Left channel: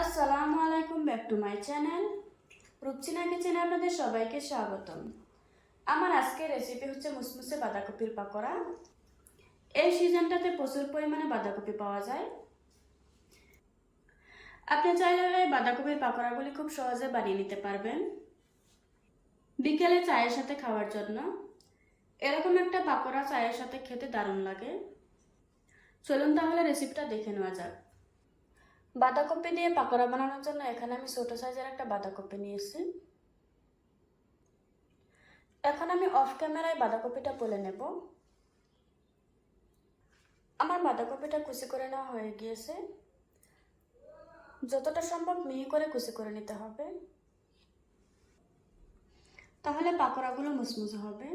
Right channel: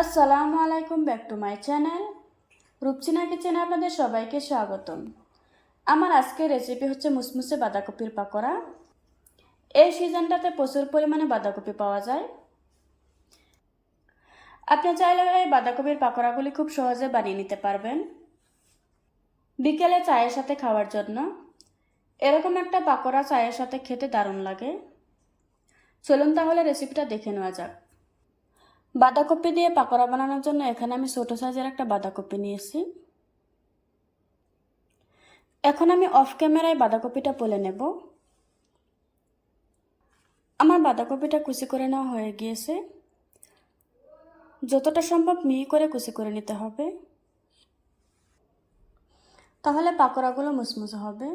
আসসালামু আলাইকুম, back to my channel. Rupchina কিচেনে আপনাদের সবাইকে স্বাগতম। আমার আজকের রেসিপি হচ্ছে মুসমুসে বাঁধাকপির পাকোড়া। এই সিজনটাতে প্রচুর পরিমাণে বাঁধাকপি পাওয়া যায়। আপনি চাইলে এই বাঁধাকপির পাকোড়াগুলি খুব সহজে বানিয়ে নিতে পারবেন। বিকেলে চায়ের সাথে খাওয়ার জন্য। এরকম একটা পাকোড়া চায়ের সাথে খেতে দারুণ লাগে। চলুন তাহলে রেসিপিটা দেখে নেওয়া যাক। বাঁধাকপি দিয়ে পাকোড়া বানানোর জন্য এখানে আমি ছোটো সাইজের একটা বাঁধাকপি নিয়েছি। এখন আমি অফ ক্যামেরায় বাঁধাকপিটা পলে নেব। আমার বাঁধাকপিটা কুচি করে নেওয়া হয়ে গিয়েছে। যতটা সম্ভব মিহি করে কুচি করে নিতে হবে। তাহলে পাকোড়াগুলো মুসমুসে হবে।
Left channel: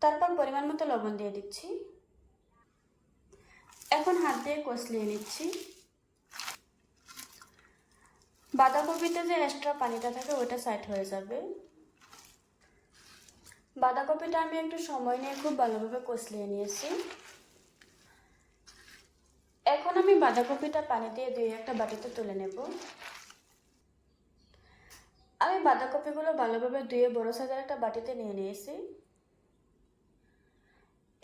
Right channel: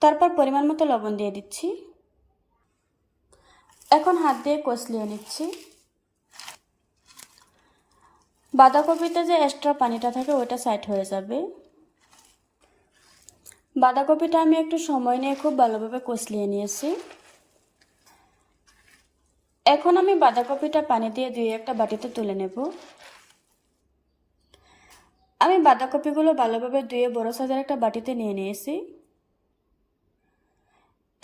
তারপর পরিমাণ মতো লবণ দিয়ে দিচ্ছি। এখন হাত দিয়ে কষলিয়ে নিচ্ছি। বাঁধাকপিতে যে এক্সট্রা পানিটা থাকে ওটা সাইড হয়ে যাবে। বাঁধাকপিটা আমি একটু সময় নিয়ে খুব ভালোভাবে কষলিয়ে নিয়েছি। এখন আমি বাঁধাকপিটা পানি দিয়ে ধুয়ে একটা বাটিতে তুলে নেব। আমি বাঁধাকপিগুলো ভালোভাবে ধুয়ে বড় সাইজের একটা বাটিতে নিয়ে নিয়েছি।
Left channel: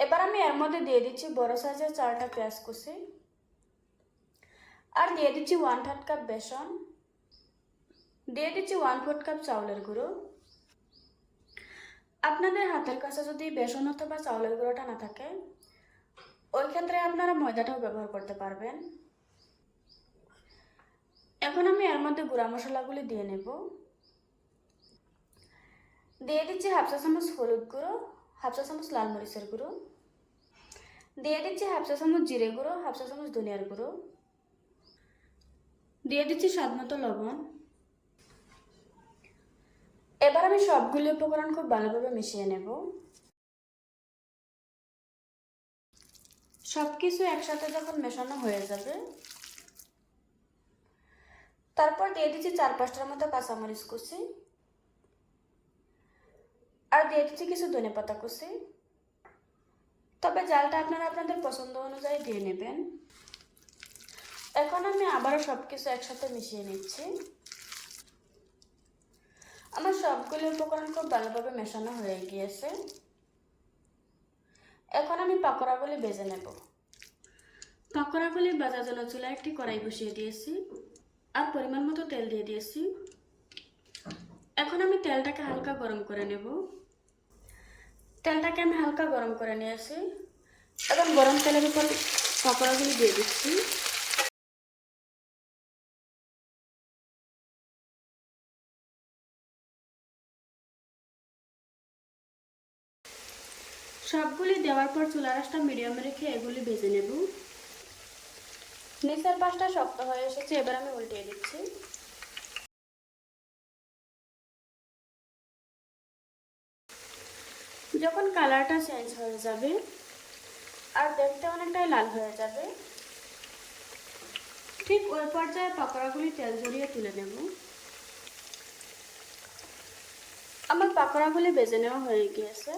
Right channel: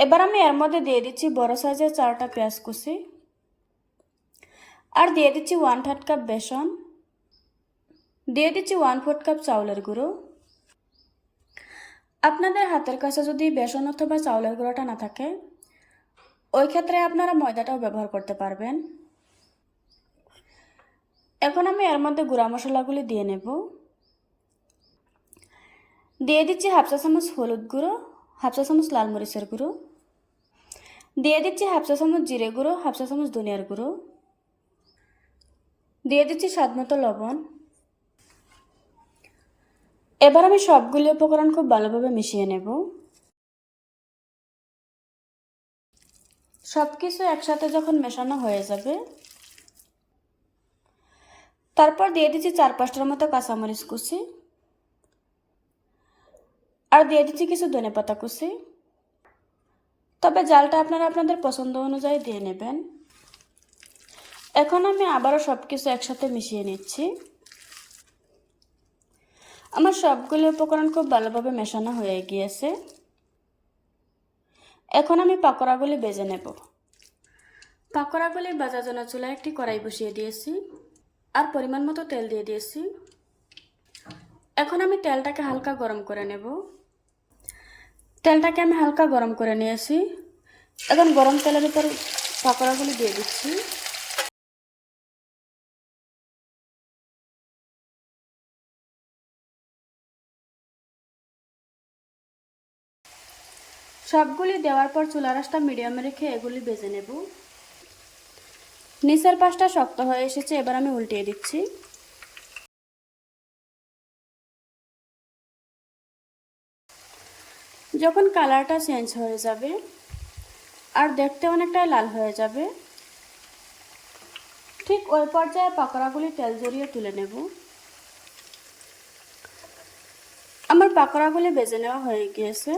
এবার আমি এর মধ্যে দিয়ে দিচ্ছি বড় সাইজের চারটা পেঁয়াজ কুচি। আর দিয়ে দিচ্ছি ওয়ান থার্ড কাপ বেসন। দিয়ে দিচ্ছি ওয়ান ফোর্থ কাপ চাউলের গুঁড়ো। আপনাদের হাতের কাছে যদি বেসন অথবা চাউলের গুঁড়োটা না থাকে, ওই ক্ষেত্রে আপনারা ময়দাটাও ব্যবহার করতে পারবেন। এখন আমি এর মধ্যে গুঁড়া মশলাগুলি দিয়ে নেব। দিয়ে দিচ্ছি হাফ চা চামচ হলুদ গুঁড়ো, হাফ চা চামচ লাল মরিচের গুঁড়ো। দিয়ে দিচ্ছি হাফ চা চামচ জিরে গুঁড়ো হাফ চা চামচ ধনিয়ার গুঁড়ো দিয়ে দিচ্ছি স্বাদ মতো লবণ এবার আমি সবগুলি উপকরণ খুব ভালোভাবে মিশিয়ে নেব সব কিছু একসাথে যখন মেশানো হয়ে যাবে তারপর দিয়ে দিচ্ছি চার পাঁচটার মতো কাঁচামরিচ কুচি আর দিয়ে দিচ্ছি কিছু ধনে পাতা কুচি তবে জালটা আপনারা আপনাদের পছন্দ অনুযায়ী দিয়ে নেবেন। এখন আমি আবারও সব কিছু একসাথে মিশিয়ে নিচ্ছি। আমার সবগুলি উপকরণ খুব ভালোভাবে মেশানো হয়ে গিয়েছে। এখন আমি পাকোড়াগুলি বেজে নেব। পাকোড়াগুলি বাজার জন্য চুলায় একটি কড়াই বসিয়ে দিয়েছি আর পরিমাণ মতো তেল দিয়ে দিয়েছি। এখন আমি তেলটাকে হালকা গরম করে নেব। তেলটাকে আমি হালকা গরম করে নিয়েছি এখন গরম তেলের ভিতরে পাকোড়াগুলি দিয়ে দিচ্ছি। সবগুলি দেওয়ার পর চুলা রাসটা মিডিয়ামে রেখে এগুলি বেজে নেব। নিচের পাশটা শক্ত হয়ে এসেছে, এবার আমি উল্টিয়ে দিচ্ছি। যখন কালারটা চেঞ্জ হয়ে যাবে, আর দেখতে অনেকটাই লাল হয়ে যাবে, ঠিক ওই পর্যায়ে পাকোড়াগুলি তেল জড়িয়ে তুলে নেব। আমার পাকোড়াগুলি বেজে নেওয়া হয়ে গিয়েছে।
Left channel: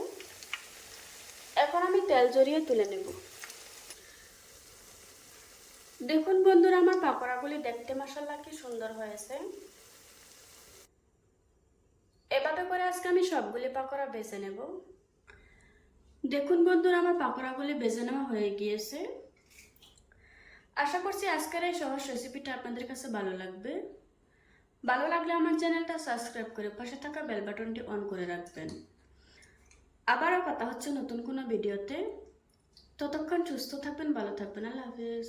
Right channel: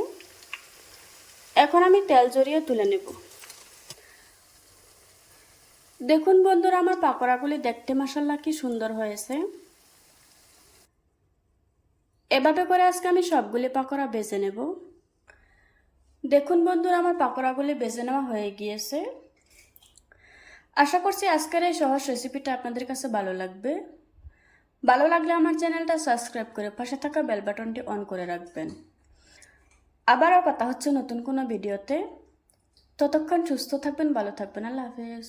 এখন আমি তেল জড়িয়ে তুলে নেব। দেখুন বন্ধুরা, আমার পাকোড়াগুলি দেখতে মশাল্লা কি সুন্দর হয়েছে। এভাবে করে আজকে আমি সবগুলি পাকোড়া বেজে নেব। দেখুন বন্ধুরা, আমার পাকোড়াগুলি বেজে নেওয়া হয়ে গিয়েছে। আশা করছি আজকের এই সহজ রেসিপিটা আপনাদের কাছে ভালো লাগবে। ভালো লাগলে আমার চ্যানেলটা সাবস্ক্রাইব করে পাশে থাকা বেল বাটনটি অন করে রাখবেন। আবারও কথা হচ্ছে নতুন কোনো ভিডিওতে ততক্ষণ সুস্থ থাকবেন, ভালো থাকবেন। আল্লাহ হাফেজ।